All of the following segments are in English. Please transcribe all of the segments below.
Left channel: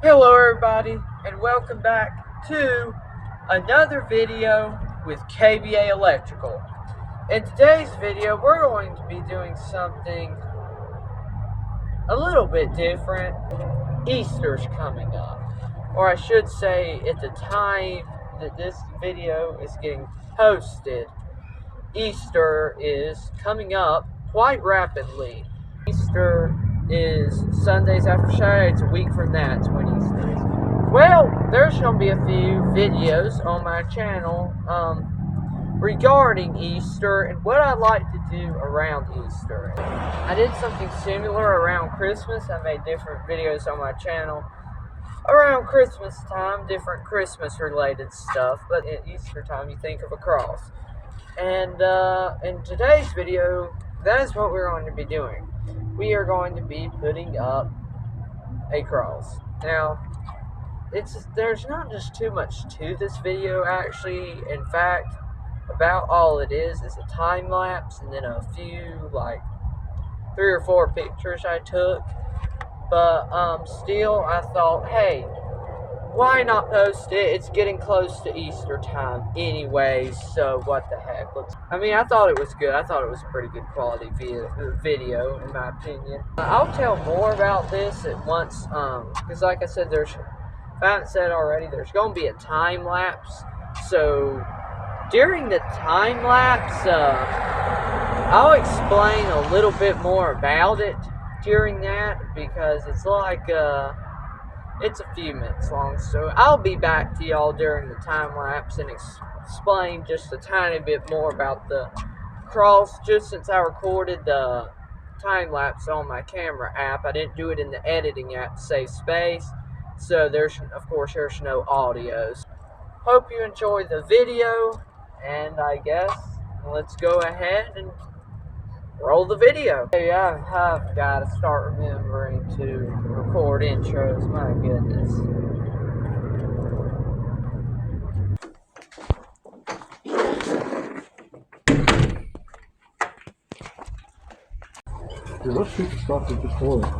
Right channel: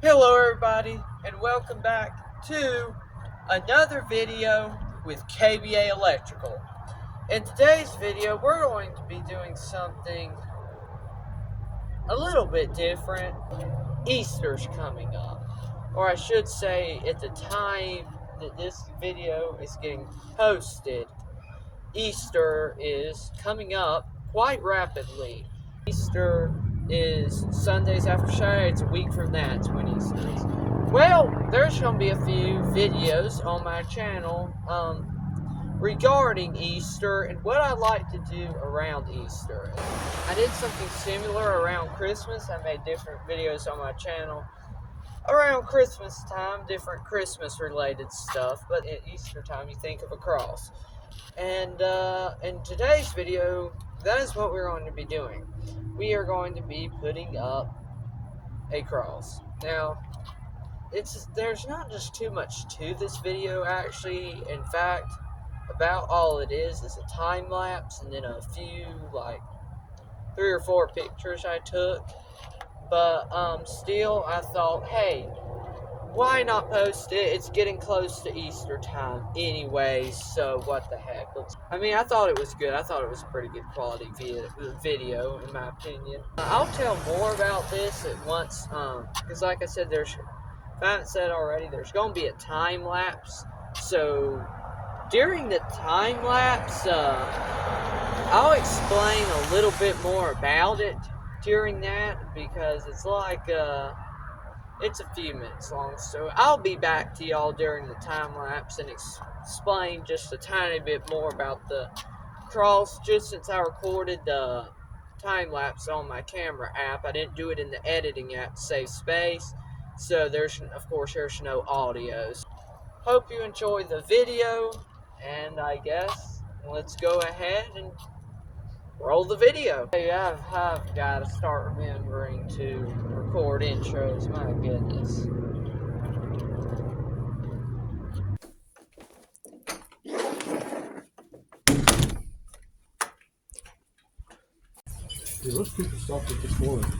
Hello everybody and welcome back to another video with KBA Electrical. In today's video we're going to be doing something a little bit different. Easter's coming up, or I should say at the time that this video is getting posted, Easter is coming up quite rapidly. Easter is Sundays after Saturday. It's a week from that. It's when Easter is. Well, there's going to be a few videos on my channel regarding Easter and what I like to do around Easter. I did something similar around Christmas. I made different videos on my channel around Christmas time, different Christmas related stuff, but at Easter time you think of a cross. And in today's video, that is what we're going to be doing. We are going to be putting up a cross. Now, there's not just too much to this video actually. In fact, about all it is a time lapse and then a few, like 3 or 4 pictures I took. But still, I thought, hey, why not post it? It's getting close to Easter time anyway, so what the heck. I thought it was good. I thought it was a pretty good quality video, in my opinion. I'll tell more about this at once, because like I said, if I haven't said already, there's going to be a time lapse. So during the time lapse, I'll explain a little bit more about it during that, because it's like it's a few minutes long, so I'll be back to y'all during the time lapse and explain just a tiny bit more about the cross. Just since I recorded the time lapse on my camera app, I didn't do it in the editing app to save space, so there's no audios. Hope you enjoyed the video, and I guess let's go ahead and roll the video. Hey, I've got to start remembering to record intros, my goodness. Yeah, let's shoot the sausage this morning.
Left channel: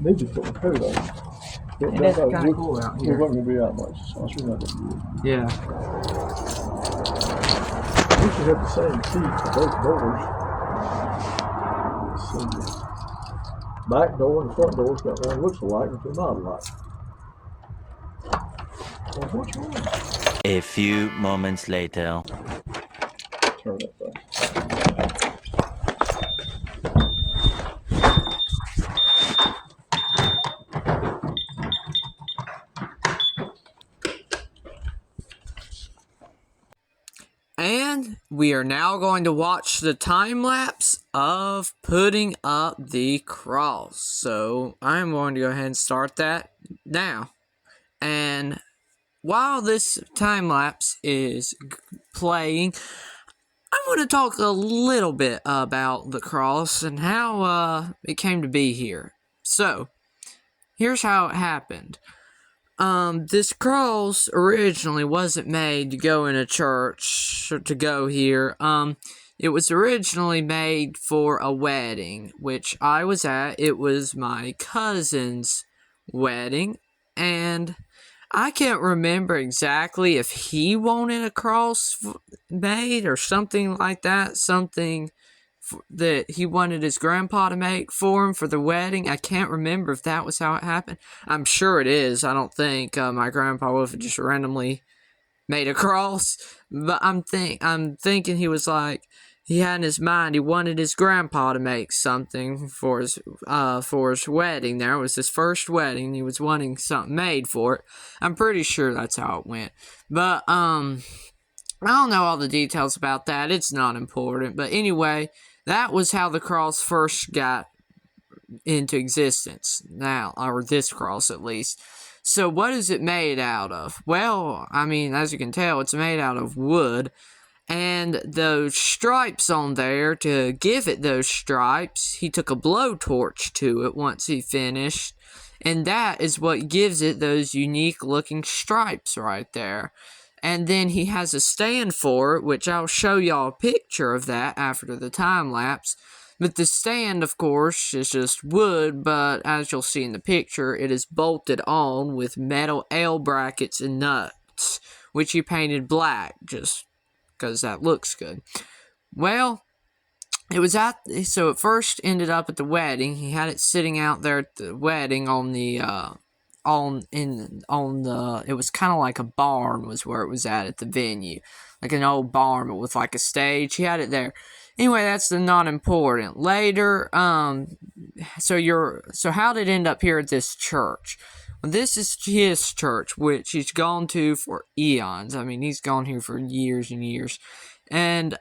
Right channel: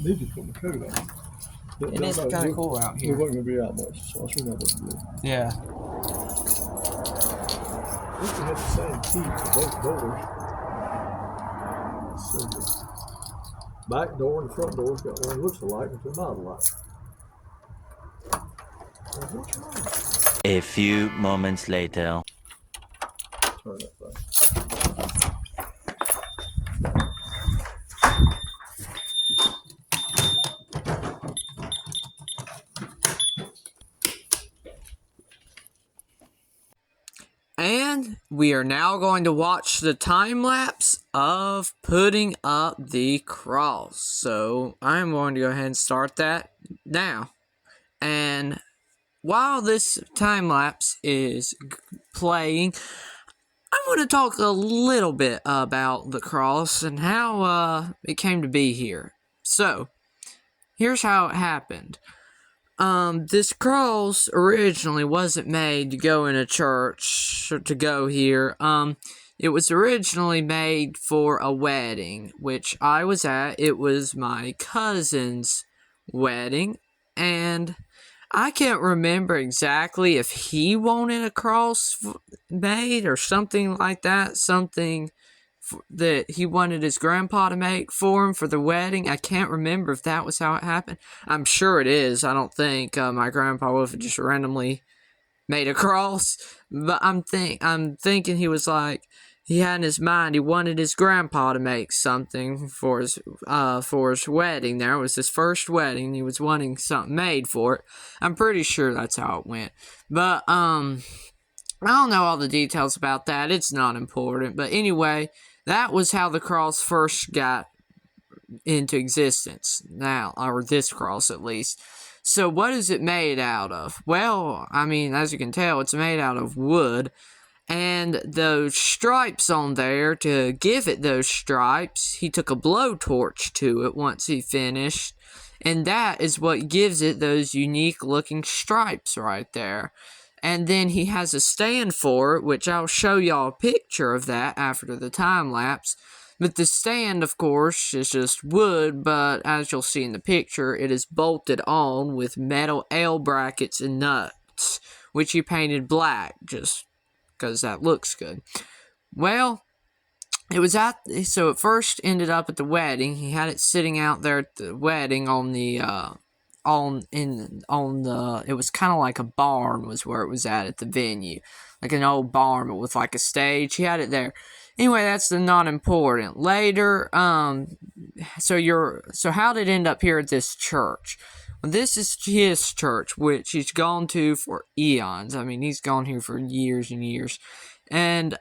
Need to put my coat on. It is kind of cool out We're here. not going to be out much, so I should not be good. Yeah. I wish we had the same seats for both doors. Back door and the front door's got one looks alike, but they're not alike. Well, what's wrong? A few moments later. Turn that thing. And we are now going to watch the time lapse of putting up the cross. So I'm going to go ahead and start that now. And while this time lapse is playing, I want to talk a little bit about the cross and how it came to be here. So here's how it happened. This cross originally wasn't made to go in a church or to go here. It was originally made for a wedding, which I was at. It was my cousin's wedding, and I can't remember exactly if he wanted a cross made or something like that, something that he wanted his grandpa to make for him for the wedding. I can't remember if that was how it happened. I'm sure it is. I don't think my grandpa would have just randomly made a cross, but I'm thinking he was like, he had in his mind he wanted his grandpa to make something for his wedding. There was his first wedding. He was wanting something made for it. I'm pretty sure that's how it went. But I don't know all the details about that. It's not important. But anyway, that was how the cross first got into existence. Now, or this cross at least. So what is it made out of? Well, as you can tell, it's made out of wood. And those stripes on there, to give it those stripes, he took a blowtorch to it once he finished. And that is what gives it those unique looking stripes right there. And then he has a stand for it, which I'll show y'all a picture of that after the time lapse. But the stand, of course, is just wood, but as you'll see in the picture, it is bolted on with metal L brackets and nuts, which he painted black just because that looks good. Well, so it first ended up at the wedding. He had it sitting out there at the wedding on the it was kind of like a barn was where it was at the venue, like an old barn but with like a stage. He had it there. Anyway, that's not important. Later, so how did it end up here at this church? Well, this is his church, which he's gone to for eons. I mean, he's gone here for years and years. And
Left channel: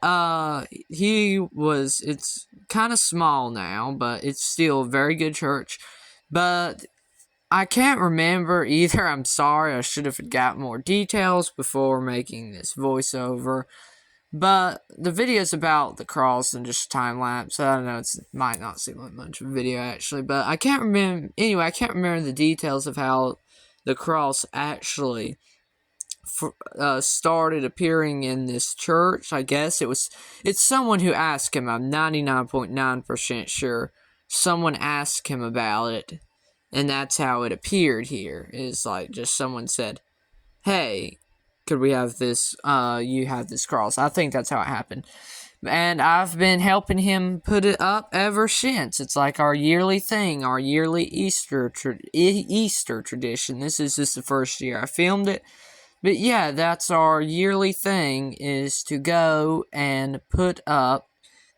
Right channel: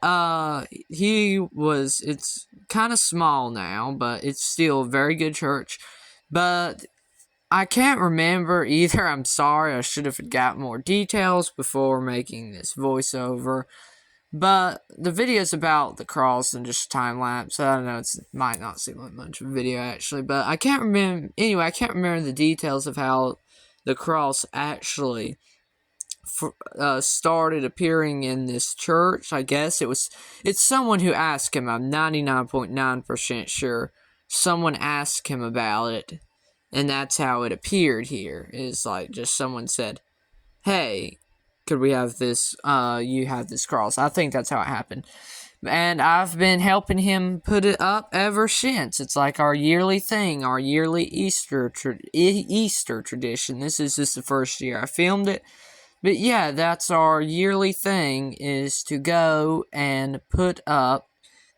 it's kind of small now, but it's still a very good church. But I can't remember either. I'm sorry, I should have got more details before making this voiceover. But the video's about the cross and just time lapse. I don't know, it might not seem like much of a video actually, but I can't remember. Anyway, I can't remember the details of how the cross actually started appearing in this church. I guess it's someone who asked him. I'm 99.9% sure someone asked him about it, and that's how it appeared here. Is like just someone said, "Hey, could we have this? You have this cross." I think that's how it happened, and I've been helping him put it up ever since. It's like our yearly thing, our yearly Easter tradition. This is just the first year I filmed it. But yeah, that's our yearly thing, is to go and put up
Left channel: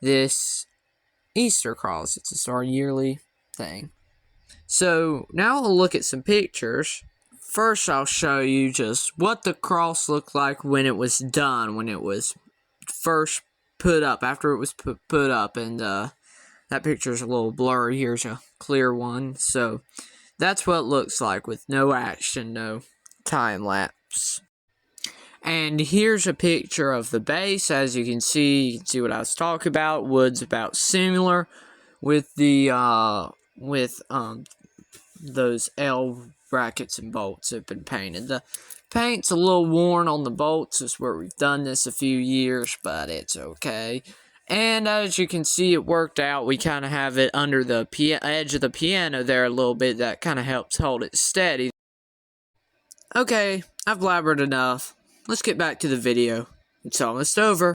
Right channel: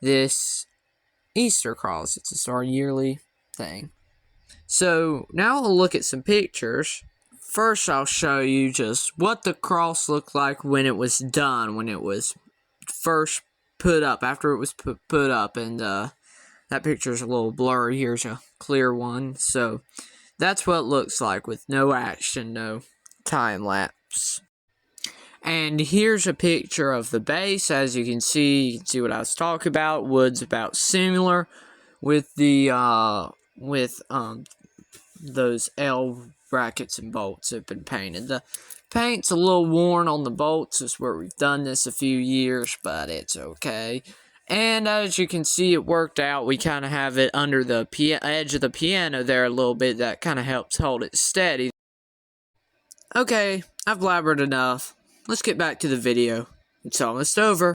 this Easter cross. It's just our yearly thing. So now we'll look at some pictures. First, I'll show you just what the cross looked like when it was done, when it was first put up, after it was put up. And that picture's a little blurry. Here's a clear one. So that's what it looks like with no action, no time lapse. And here's a picture of the base. As you can see what I was talking about. Wood's about similar with the those L brackets and bolts have been painted. The paint's a little worn on the bolts. Is where we've done this a few years, but it's okay. And as you can see, it worked out. We kind of have it under the edge of the piano there a little bit. That kind of helps hold it steady. Okay, I've blabbered enough. Let's get back to the video. It's almost over.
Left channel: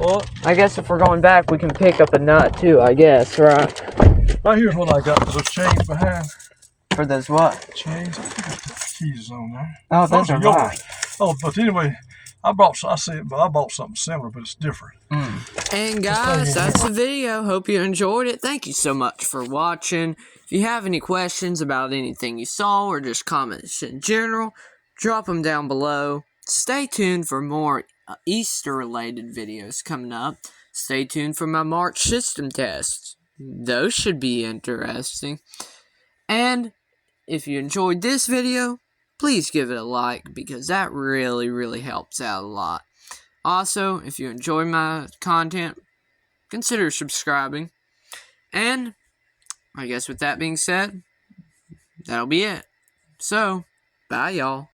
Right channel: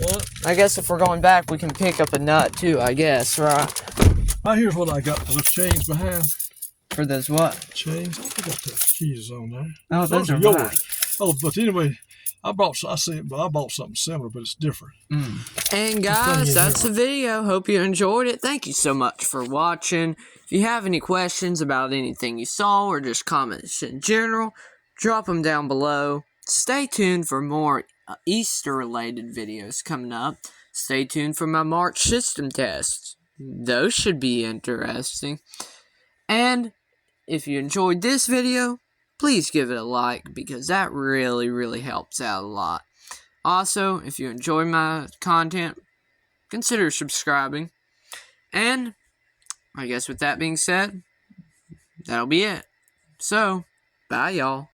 Well, I guess if we're going back, we can pick up a nut too, I guess, right? Right here's what I got for those chains behind. For those what? Chains? I got the keys on there. Oh, those are yours. mine. Oh, but anyway, I bought something similar, but it's different. And guys, that's the video. Hope you enjoyed it. Thank you so much for watching. If you have any questions about anything you saw or just comments in general, drop them down below. Stay tuned for more Easter-related videos coming up. Stay tuned for my March system tests. Those should be interesting. And if you enjoyed this video, please give it a like, because that really, really helps out a lot. Also, if you enjoy my content, consider subscribing. And I guess with that being said, that'll be it. So, bye y'all.